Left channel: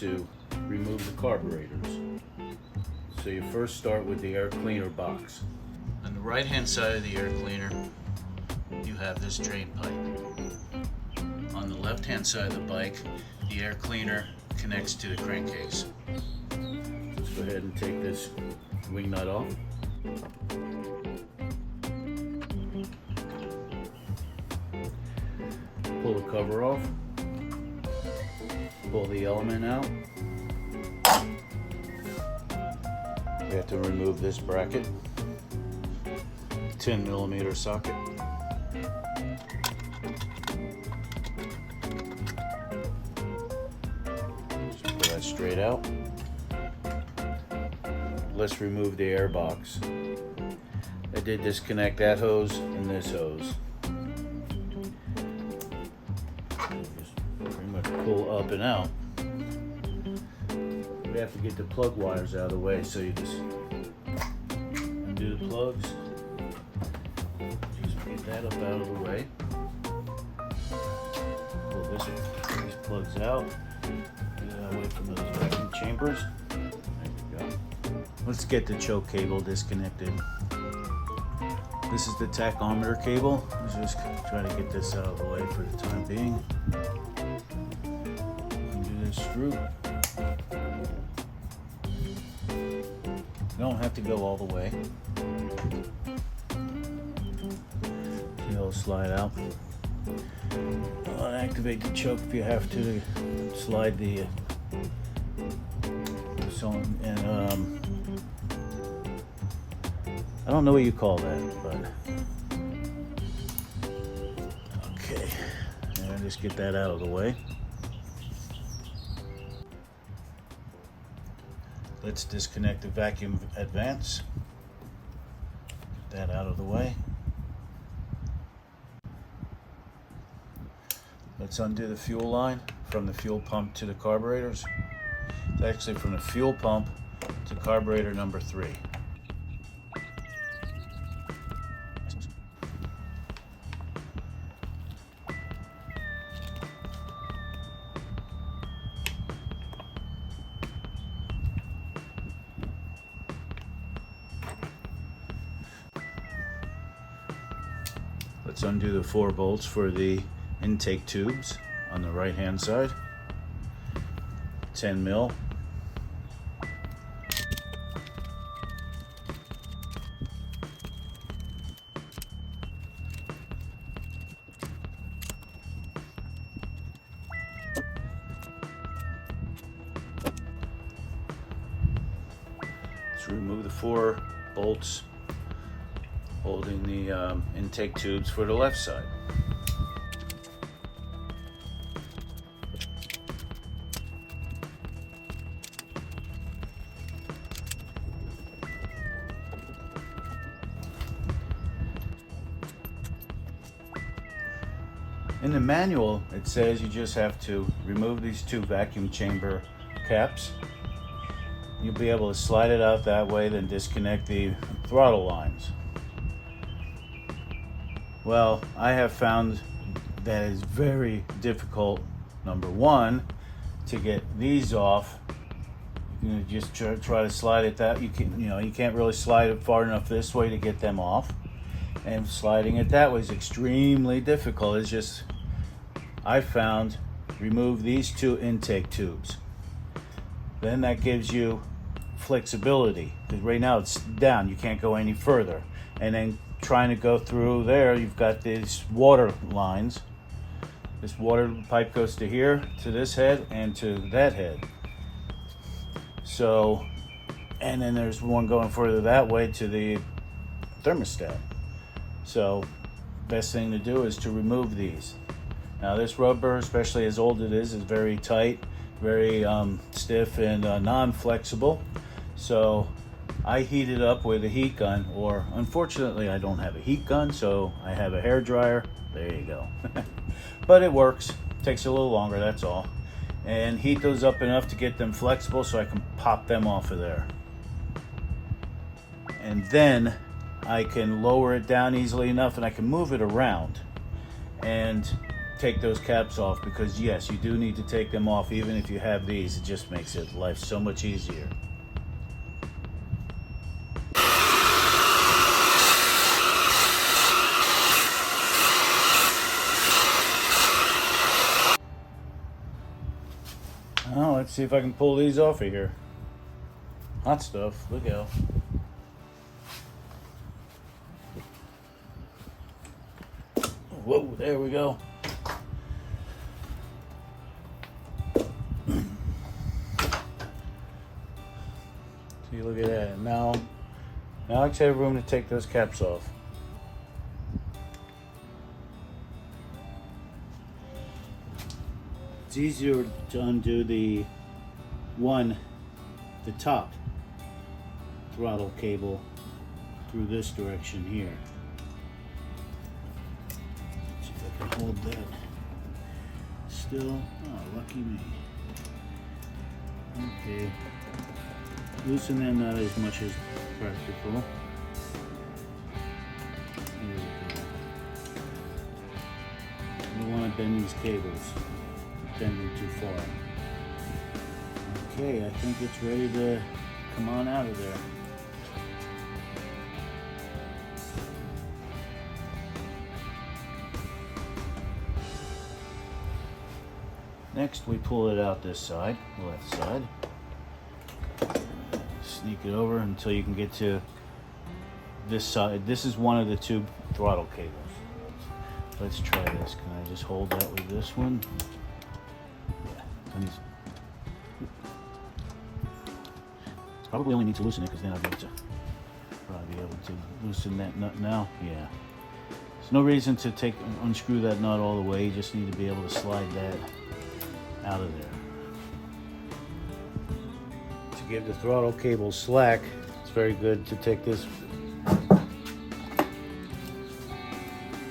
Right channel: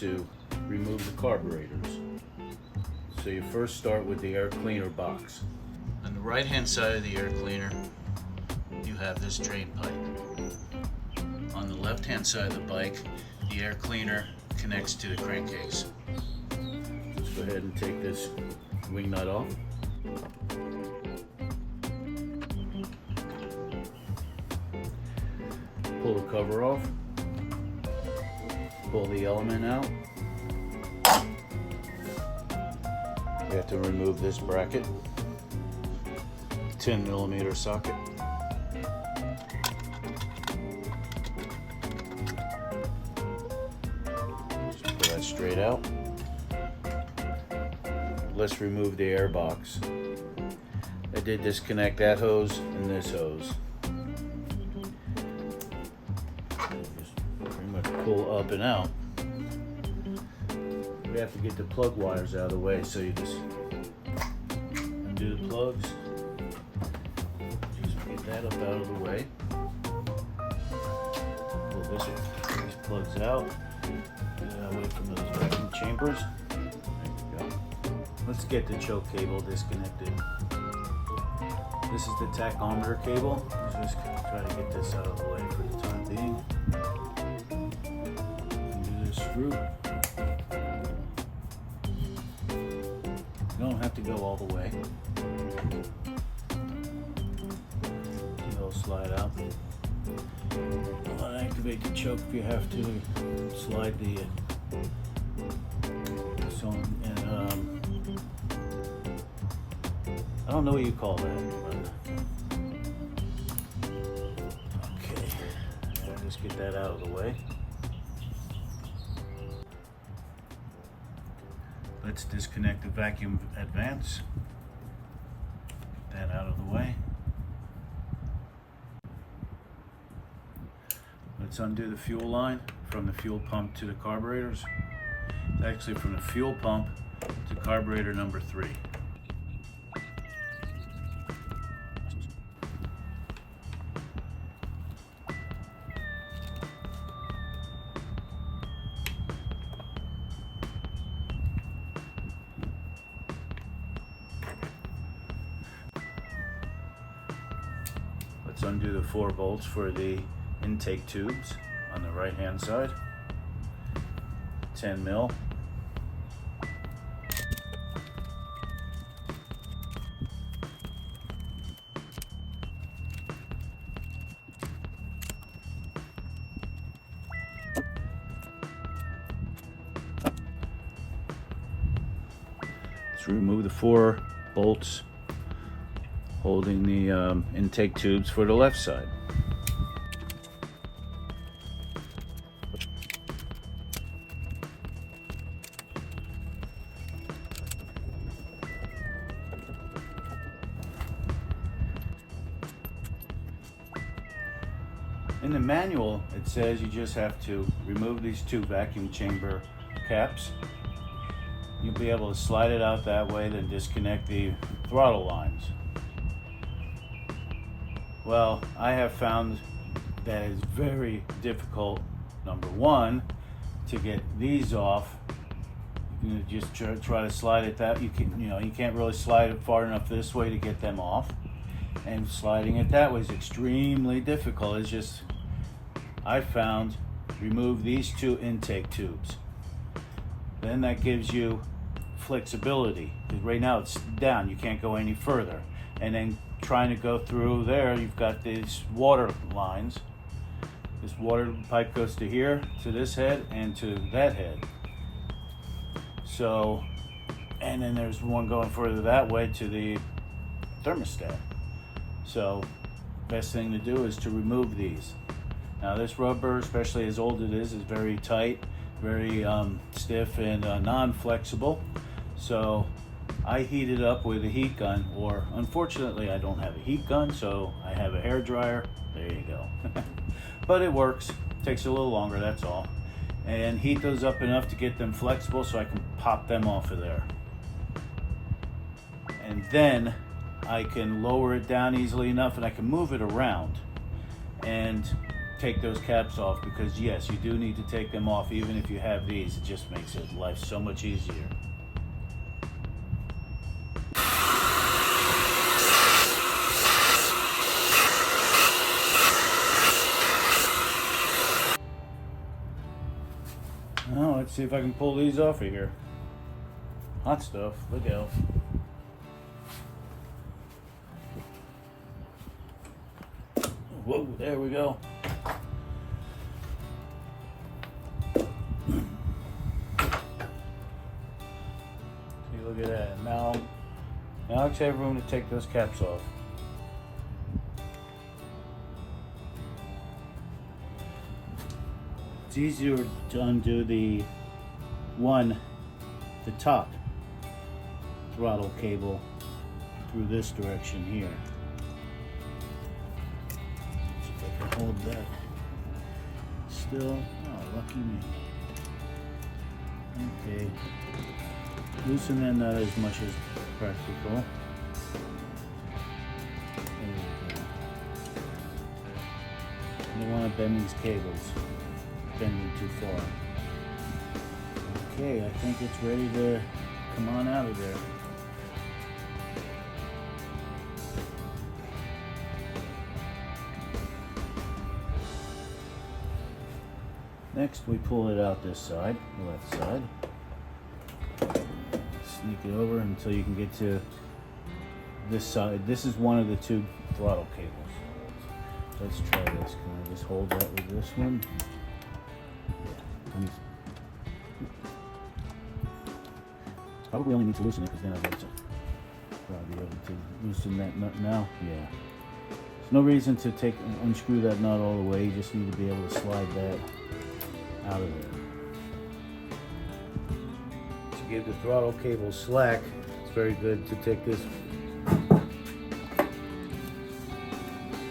to remove the carburetors. So you first start with the air cleaner box. On the right hand side of the air cleaner, you have this drain pipe. On the left hand side of the bike, the air cleaner connects to the crankcase. Let's go ahead and take this wing nut off. Pull the cover off. Pull the element out. We have to remove this bracket. 10mm socket. Just pull that straight out. Let's remove the air box. I did disconnect that hose and this hose. Just pretty much pull up and out. We have to get the plug wires out of the way, so you just undo the plugs. Just get that up out of the way. Pull these plugs out. Get it away from those vacuum chambers. There we go. Let's get the choke cable disconnected. This is the tachometer cable. I'm just trying to get this out of the way for the time being. Undo this screw. You don't have to go all the way. It'll slide out. Activate the choke if you have to. Slide the I don't know what you call that, but okay. I'll just get that out of the way. Let's disconnect the vacuum advance. Get that out of the way. Let's undo the fuel line from the fuel pump to the carburetors. It's actually from the fuel pump to carburetor number 3. Let's undo the 4 bolts for the intake tubes on the right hand side. 10 mil. Let's remove the 4 bolts holding the intake tubes for the left side. In the manual, it says you just have to remove these 2 vacuum chamber caps. You'll be able to slide it out that way, then disconnect the throttle lines. Well, I have found that it's very difficult, number 1, to get these off. You just try to slide it that you can't really slide it far enough this way to get them off, and sliding it that way is extremely difficult. It's just, I found, remove these 2 intake tubes. Then that gives you flexibility, because right now it's down, you can't go any further. And then trying to go through there, you've got these water lines. This water pipe goes to here, to this head, and to that head. So, and then there's one going further that way to the thermostat. So, best thing to do is to remove these. Now this rubber, especially as old it is very tight, very stiff and non-flexible. So I heat it up with a heat gun, or unfortunately I don't have a heat gun, so I have a hair dryer. There you go. But it works. Takes a little longer, that's all. And heat those up enough to get them flexible so I can pop them off of there. And then I can lower it down easily enough and I can move it around. And take those caps off, because yes, you do need to take them off. Even if you have these, it just makes life so much easier. Now let's see if I can pull these off of here. Hot stuff, look out. Whoa, there we go. See, look at that. Now let's have room to take those caps off. It's easier to undo the top throttle cable through this direction here. See if I can hold that still. Oh, lucky me. Okay. Loosen that not as much as practical. There we go. You don't want to bend these cables. Bend them too far. Okay, I think it's ready to come on out of there. Next, we pull it out this side, the left side. Sneak it over until you can get to this side. This is one of the two throttle cables. Let's try this. Can I just hold that with this one? Yeah. Probably only need to loosen it, because then I'll get to probably be able to loosen that nut now. Yeah. There's no reason to unscrew that nut all the way. You just need to be able to slide that out of there. To give the throttle cable slack, it's very good to take this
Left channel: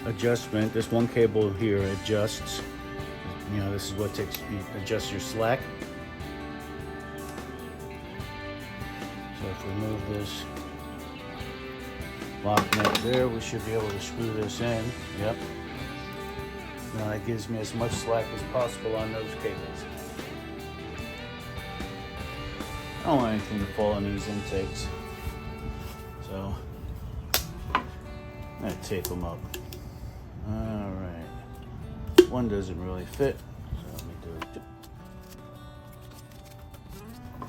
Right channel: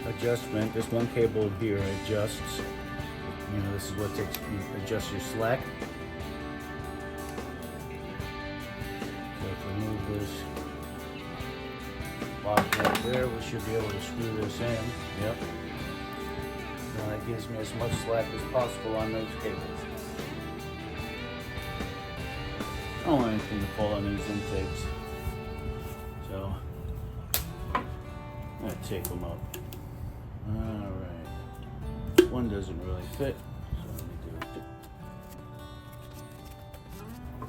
adjustment. This one cable here adjusts. You know, this is what adjusts your slack. So if we move this lock right there, we should be able to screw this in. Yep. And that gives me as much slack as possible on those cables. I don't want anything to fall in these intakes. So I'm gonna take them up. Alright. One doesn't really fit. So let me do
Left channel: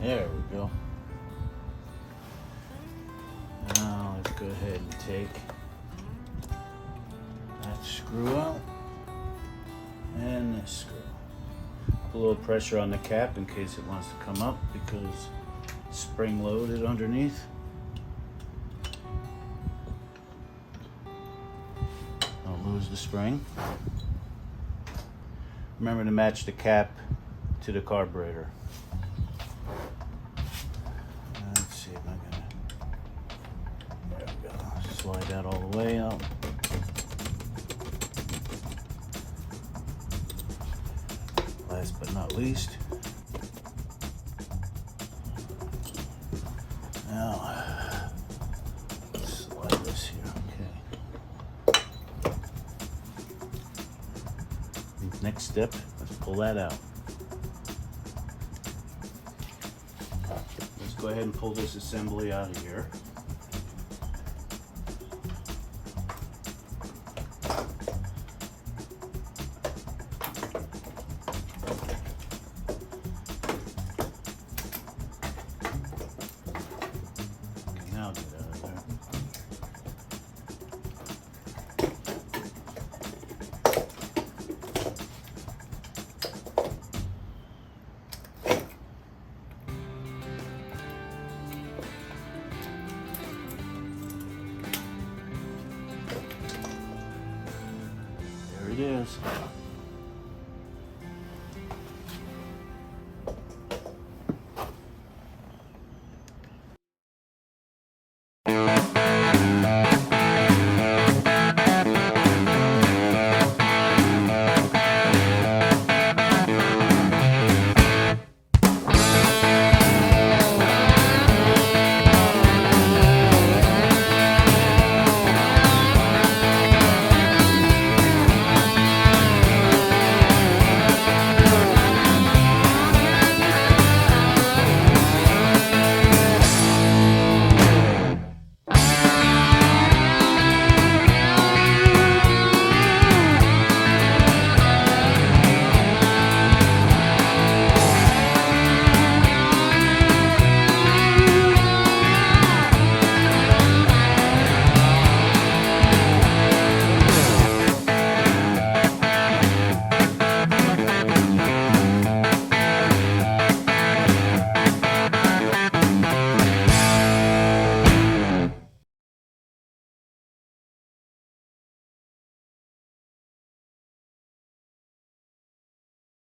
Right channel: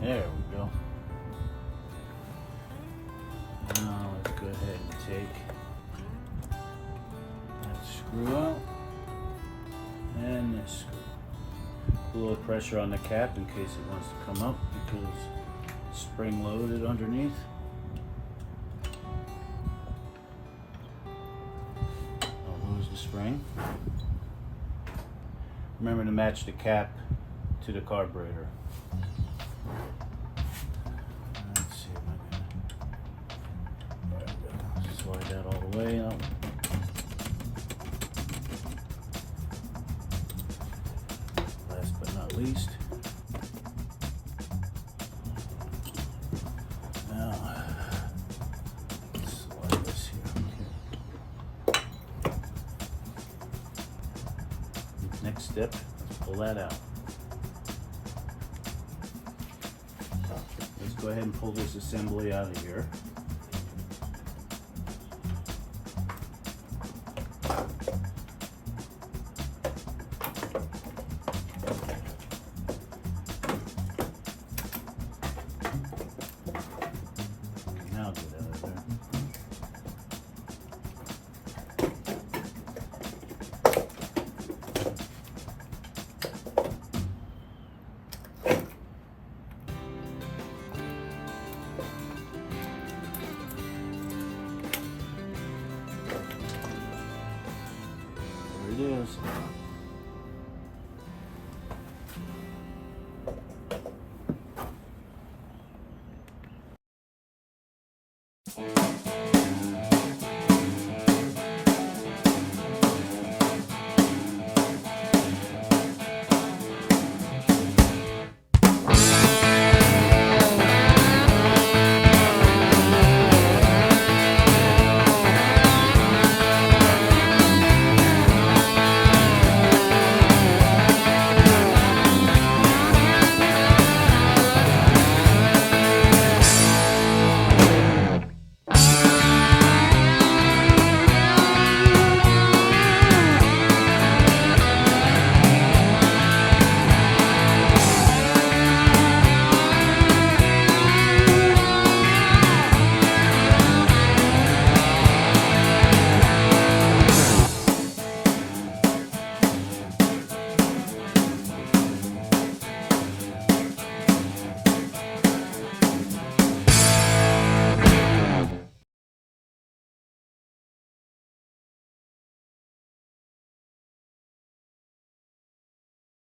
it. There we go. Now let's go ahead and take that screw out. And this screw. Put a little pressure on the cap in case it wants to come up, because it's spring loaded underneath. Don't lose the spring. Remember to match the cap to the carburetor. Let's see if I can, there we go. Slide that all the way out. But not least. Now, slide this here. Okay. Next step is pull that out. Let's go ahead and pull this assembly out of here. Now get out of there. There it is.